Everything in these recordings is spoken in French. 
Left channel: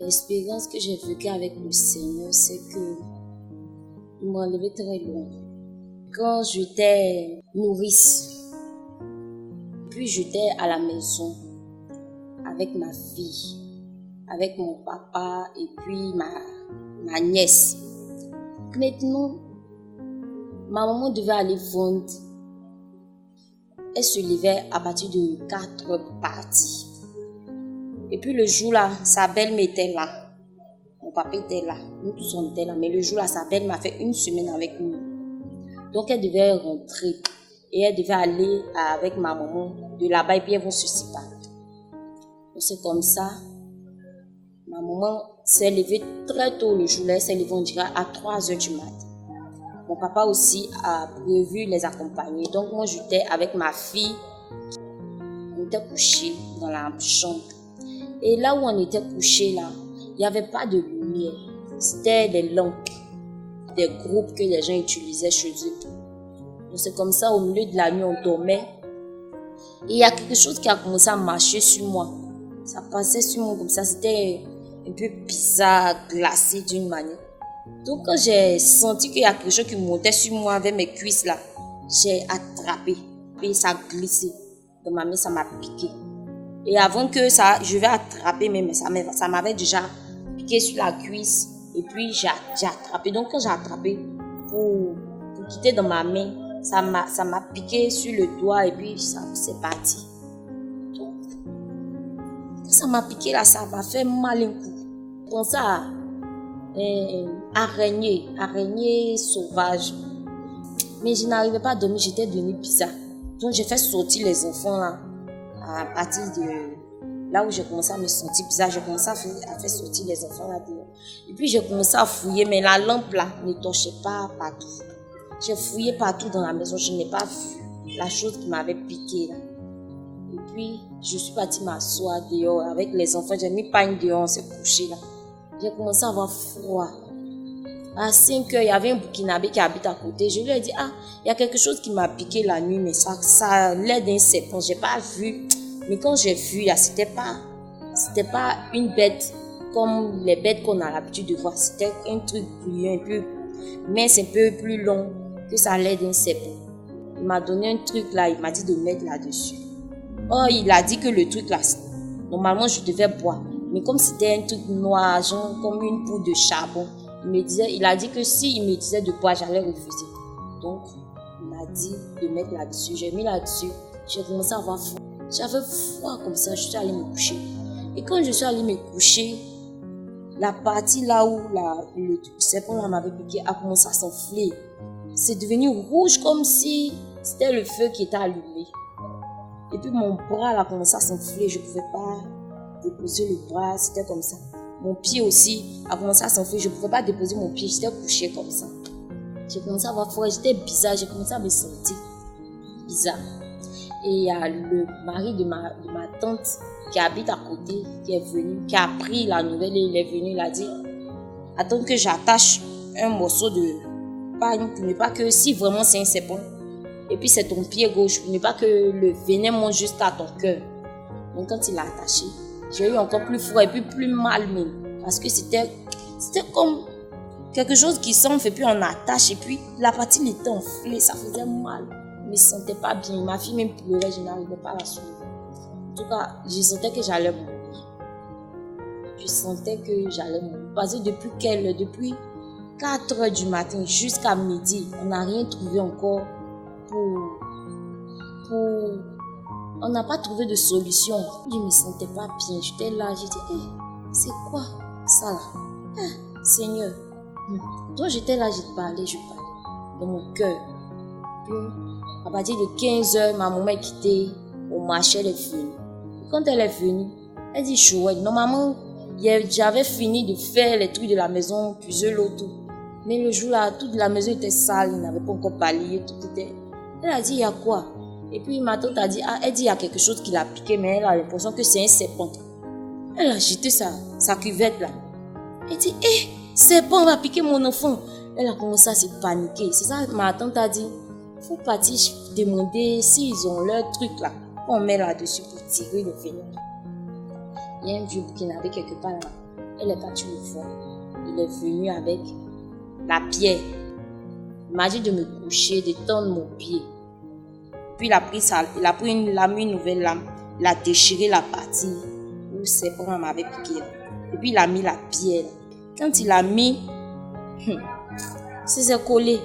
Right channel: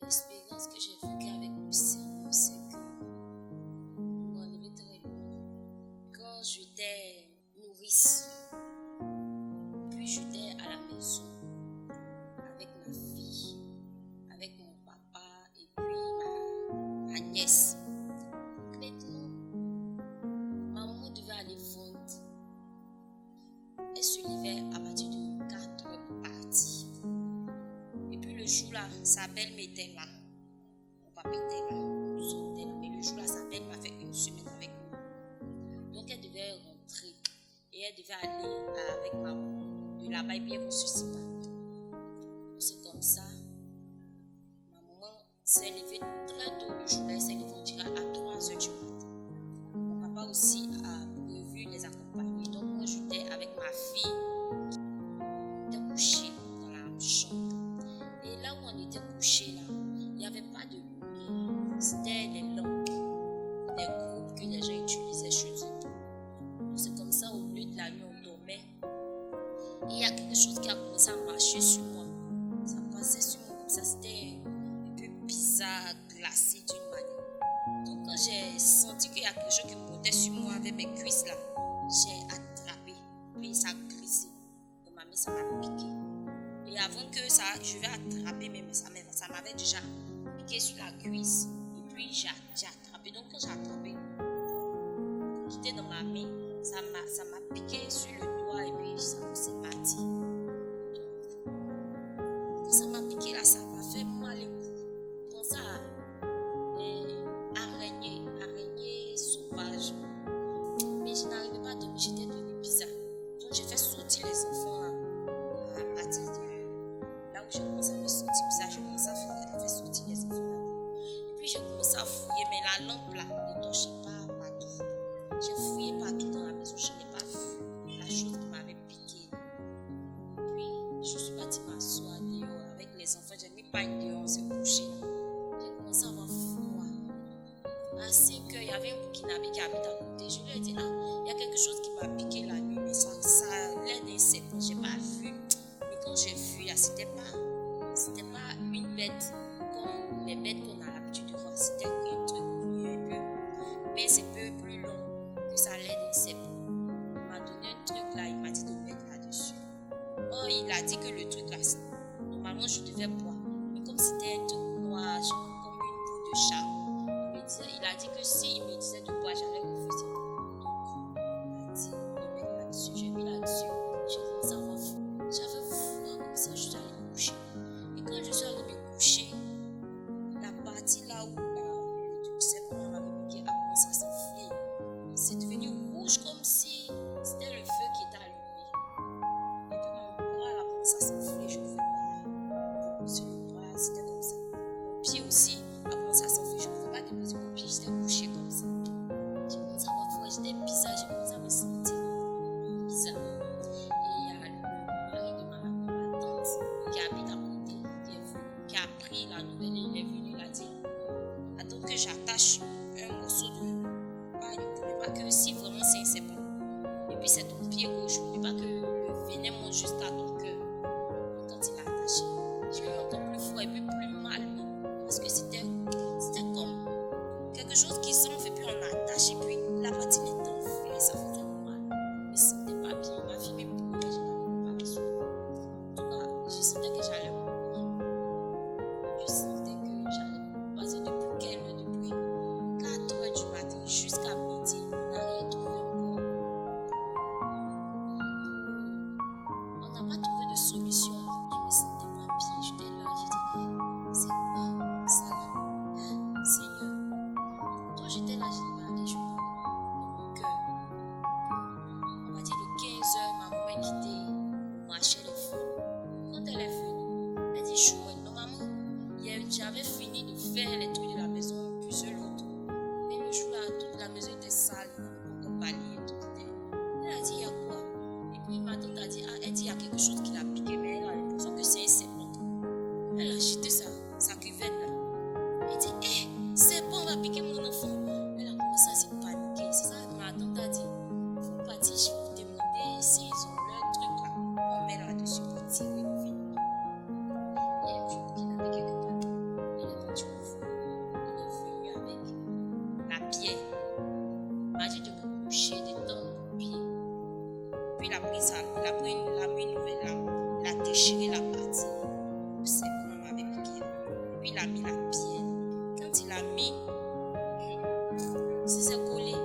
L'expérience que j'ai vécue avec le Seigneur, c'est que il m'a enlevé très loin. Quand j'étais nourrice, puis j'étais à la maison avec ma fille, avec mon papa et puis ma nièce. Maintenant, ma maman devait aller vendre. Elle se levait à partir de 4 heures parties. Et puis le jour-là, sa belle-mère était là. Mon papa était là. Nous tous on était là. Mais le jour-là, sa belle m'a fait une semaine avec nous. Donc elle devait rentrer. Et elle devait aller avec ma maman de là-bas. Et puis elles vont se séparer. Donc c'est comme ça. Ma maman s'est levée très tôt le jour-là. Elle s'est levée, on dirait, à 3 heures du matin. Mon papa aussi a prévu les accompagner. Donc moi, j'étais avec ma fille. On était couchés dans la chambre. Et là où on était couchés, là, il n'y avait pas de lumière. C'était des lampes, des groupes que les gens utilisaient chez eux. Donc c'est comme ça, au milieu de la nuit, on dormait. Et il y a quelque chose qui a commencé à marcher sur moi. Ça passait sur moi comme ça. C'était un peu bizarre, glacé d'une manière. Donc quand j'ai senti qu'il y a quelque chose qui montait sur moi avec mes cuisses là, j'ai attrapé. Et ça a glissé. Dans ma main, ça m'a piqué. Et avant que ça, je vais attraper, mais ça m'avait déjà piqué sur la cuisse. Et puis j'ai attrapé. Donc quand j'ai attrapé pour quitter dans ma main, ça m'a piqué sur le doigt et puis c'est parti. Donc, quand ça m'a piqué là, ça m'a fait mal un coup. Comme ça, araignée sauvage. Mais je n'arrivais pas à dormir, j'étais devenue bizarre. Donc j'ai fait sortir les enfants là. À partir de là où j'ai commencé à me sentir bizarre, j'ai commencé à faire sortir les enfants là dehors. Et puis j'ai commencé à fouiller, mais la lampe là ne torchait pas partout. J'ai fouillé partout dans la maison, je n'ai pas vu la chose qui m'avait piqué là. Et puis je suis partie m'asseoir dehors avec les enfants, j'ai mis pain dehors, on s'est couché là. J'ai commencé à avoir froid. À 5 heures, il y avait un Burkinabé qui habite à côté. Je lui ai dit, il y a quelque chose qui m'a piqué la nuit, mais ça a l'air d'un serpent. Je n'ai pas vu. Mais quand j'ai vu, c'était pas une bête comme les bêtes qu'on a l'habitude de voir. C'était un truc brillant, un peu mince, un peu plus long, que ça a l'air d'un serpent. Il m'a donné un truc là, il m'a dit de mettre là-dessus. Oh, il a dit que le truc là, normalement je devais boire. Mais comme c'était un truc noir, genre comme une poudre de charbon, il a dit que s'il me disait de boire, j'allais refuser. Donc, il m'a dit de mettre là-dessus. J'ai mis là-dessus. J'ai commencé à avoir froid. J'avais froid comme ça. Je suis allée me coucher. Et quand je suis allée me coucher, la partie là où le serpent m'avait piqué a commencé à s'enfler. C'est devenu rouge comme si c'était le feu qui était allumé. Et puis mon bras a commencé à s'enfler. Je ne pouvais pas déposer le bras. C'était comme ça. Mon pied aussi a commencé à s'enfler. Je ne pouvais pas déposer mon pied. J'étais couchée comme ça. J'ai commencé à avoir froid. J'étais bizarre. J'ai commencé à me sentir bizarre. Et il y a le mari de ma tante qui habite à côté, qui est venu, qui a appris la nouvelle et il est venu. Il a dit, attends que j'attache un morceau de pagne pour ne pas que, si vraiment c'est un serpent, et puis c'est ton pied gauche, pour ne pas que le venin monte jusqu'à ton cœur. Donc quand il l'a attaché, j'ai eu encore plus froid et puis plus mal même. Parce que c'était comme quelque chose qui s'enfle et puis on attache et puis la partie était enflée, ça faisait mal. Je ne me sentais pas bien. Ma fille même pleurait, je n'arrivais pas à la suivre. En tout cas, je sentais que j'allais mourir. Je sentais que j'allais mourir. Parce que depuis 4 heures du matin jusqu'à midi, on n'a rien trouvé encore on n'a pas trouvé de solution. Je ne me sentais pas bien. J'étais là, j'ai dit, c'est quoi ça là? Seigneur. Donc j'étais là, je parlais dans mon cœur. Puis, à partir de 15 heures, ma maman est quittée. On marchait, elle est venue. Quand elle est venue, elle dit, chouette, normalement, j'avais fini de faire les trucs de la maison, puiser l'eau, tout. Mais le jour là, toute la maison était sale, il n'avait pas encore balayé, tout était. Elle a dit, il y a quoi? Et puis ma tante a dit, elle dit, il y a quelque chose qui l'a piqué, mais elle a l'impression que c'est un serpent. Elle a jeté sa cuvette là. Elle dit, serpent va piquer mon enfant. Elle a commencé à se paniquer. C'est ça que ma tante a dit. Il faut partir demander s'ils ont leur truc là. On met là-dessus pour tirer le venin. Il y a un vieux Burkinabé quelque part là. Elle est partie le voir. Il est venu avec la pierre. Il m'a dit de me coucher, de tendre mon pied. Puis il a pris une lame, une nouvelle lame. Il a déchiré la partie où le serpent m'avait piqué. Et puis il a mis la pierre. Quand il a mis, c'est collé.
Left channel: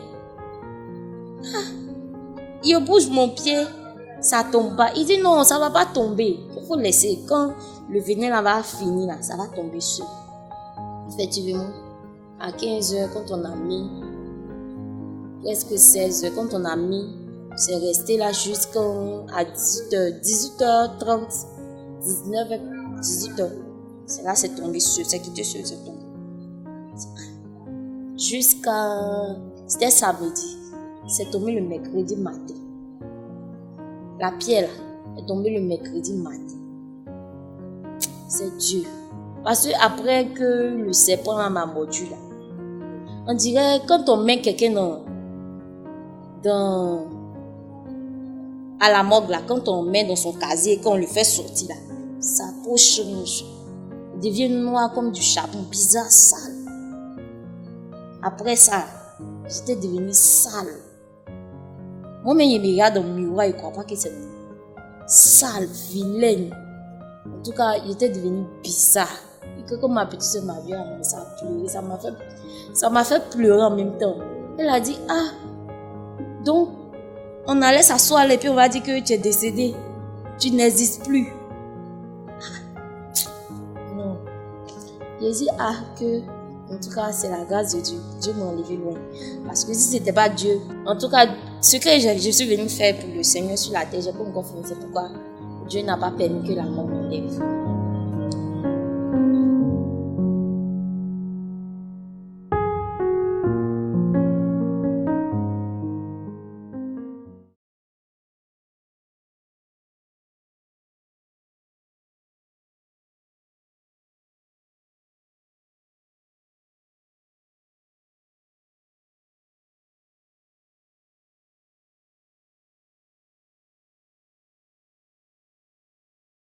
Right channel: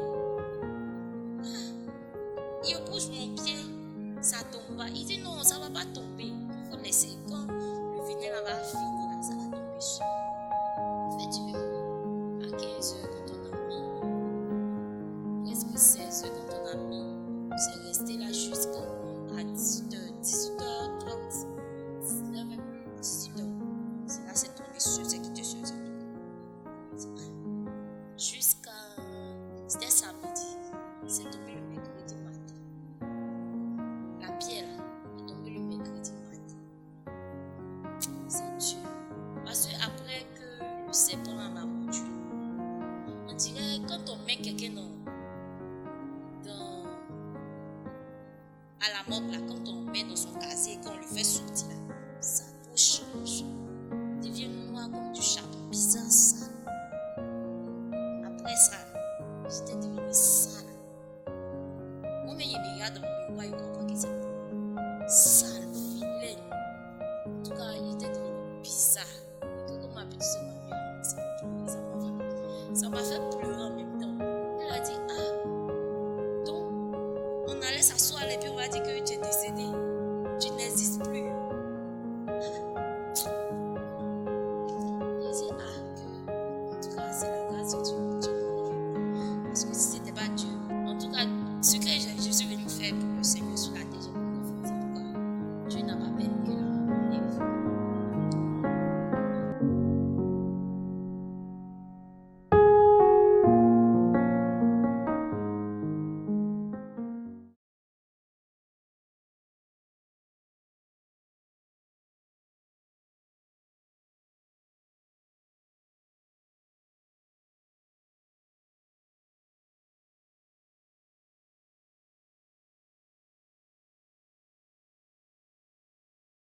Il bouge mon pied, ça tombe pas. Il dit non, ça va pas tomber. Il faut laisser. Quand le venin là va finir, là, ça va tomber seul. Effectivement, à 15h, quand on a mis, presque 16h, quand on a mis, c'est resté là jusqu'à 18h, 18h30, 19h, 18h. C'est là, c'est tombé seul, c'est quitté seul, c'est tombé. C'était samedi. C'est tombé le mercredi matin. La pierre là, est tombée le mercredi matin. C'est Dieu. Parce que après que le serpent m'a mordu là, on dirait quand on met quelqu'un à la morgue là, quand on met dans son casier et qu'on le fait sortir là, sa peau change. Il devient noir comme du charbon, bizarre, sale. Après ça, j'étais devenue sale. Moi-même, je me regarde dans le miroir et je ne crois pas que c'est sale, vilaine. En tout cas, j'étais devenue bizarre. Et quand ma petite soeur m'a vu, ça a pleuré, ça m'a fait pleurer en même temps. Elle a dit, donc, on allait s'asseoir et puis on va dire que tu es décédé. Tu n'existes plus. Non. J'ai dit, que, en tout cas, c'est la grâce de Dieu. Dieu m'a enlevé loin. Parce que si ce n'était pas Dieu, en tout cas, ce que je suis venue faire pour le Seigneur sur la terre, j'ai pas encore fait. C'est pourquoi Dieu n'a pas permis que la mort m'enlève.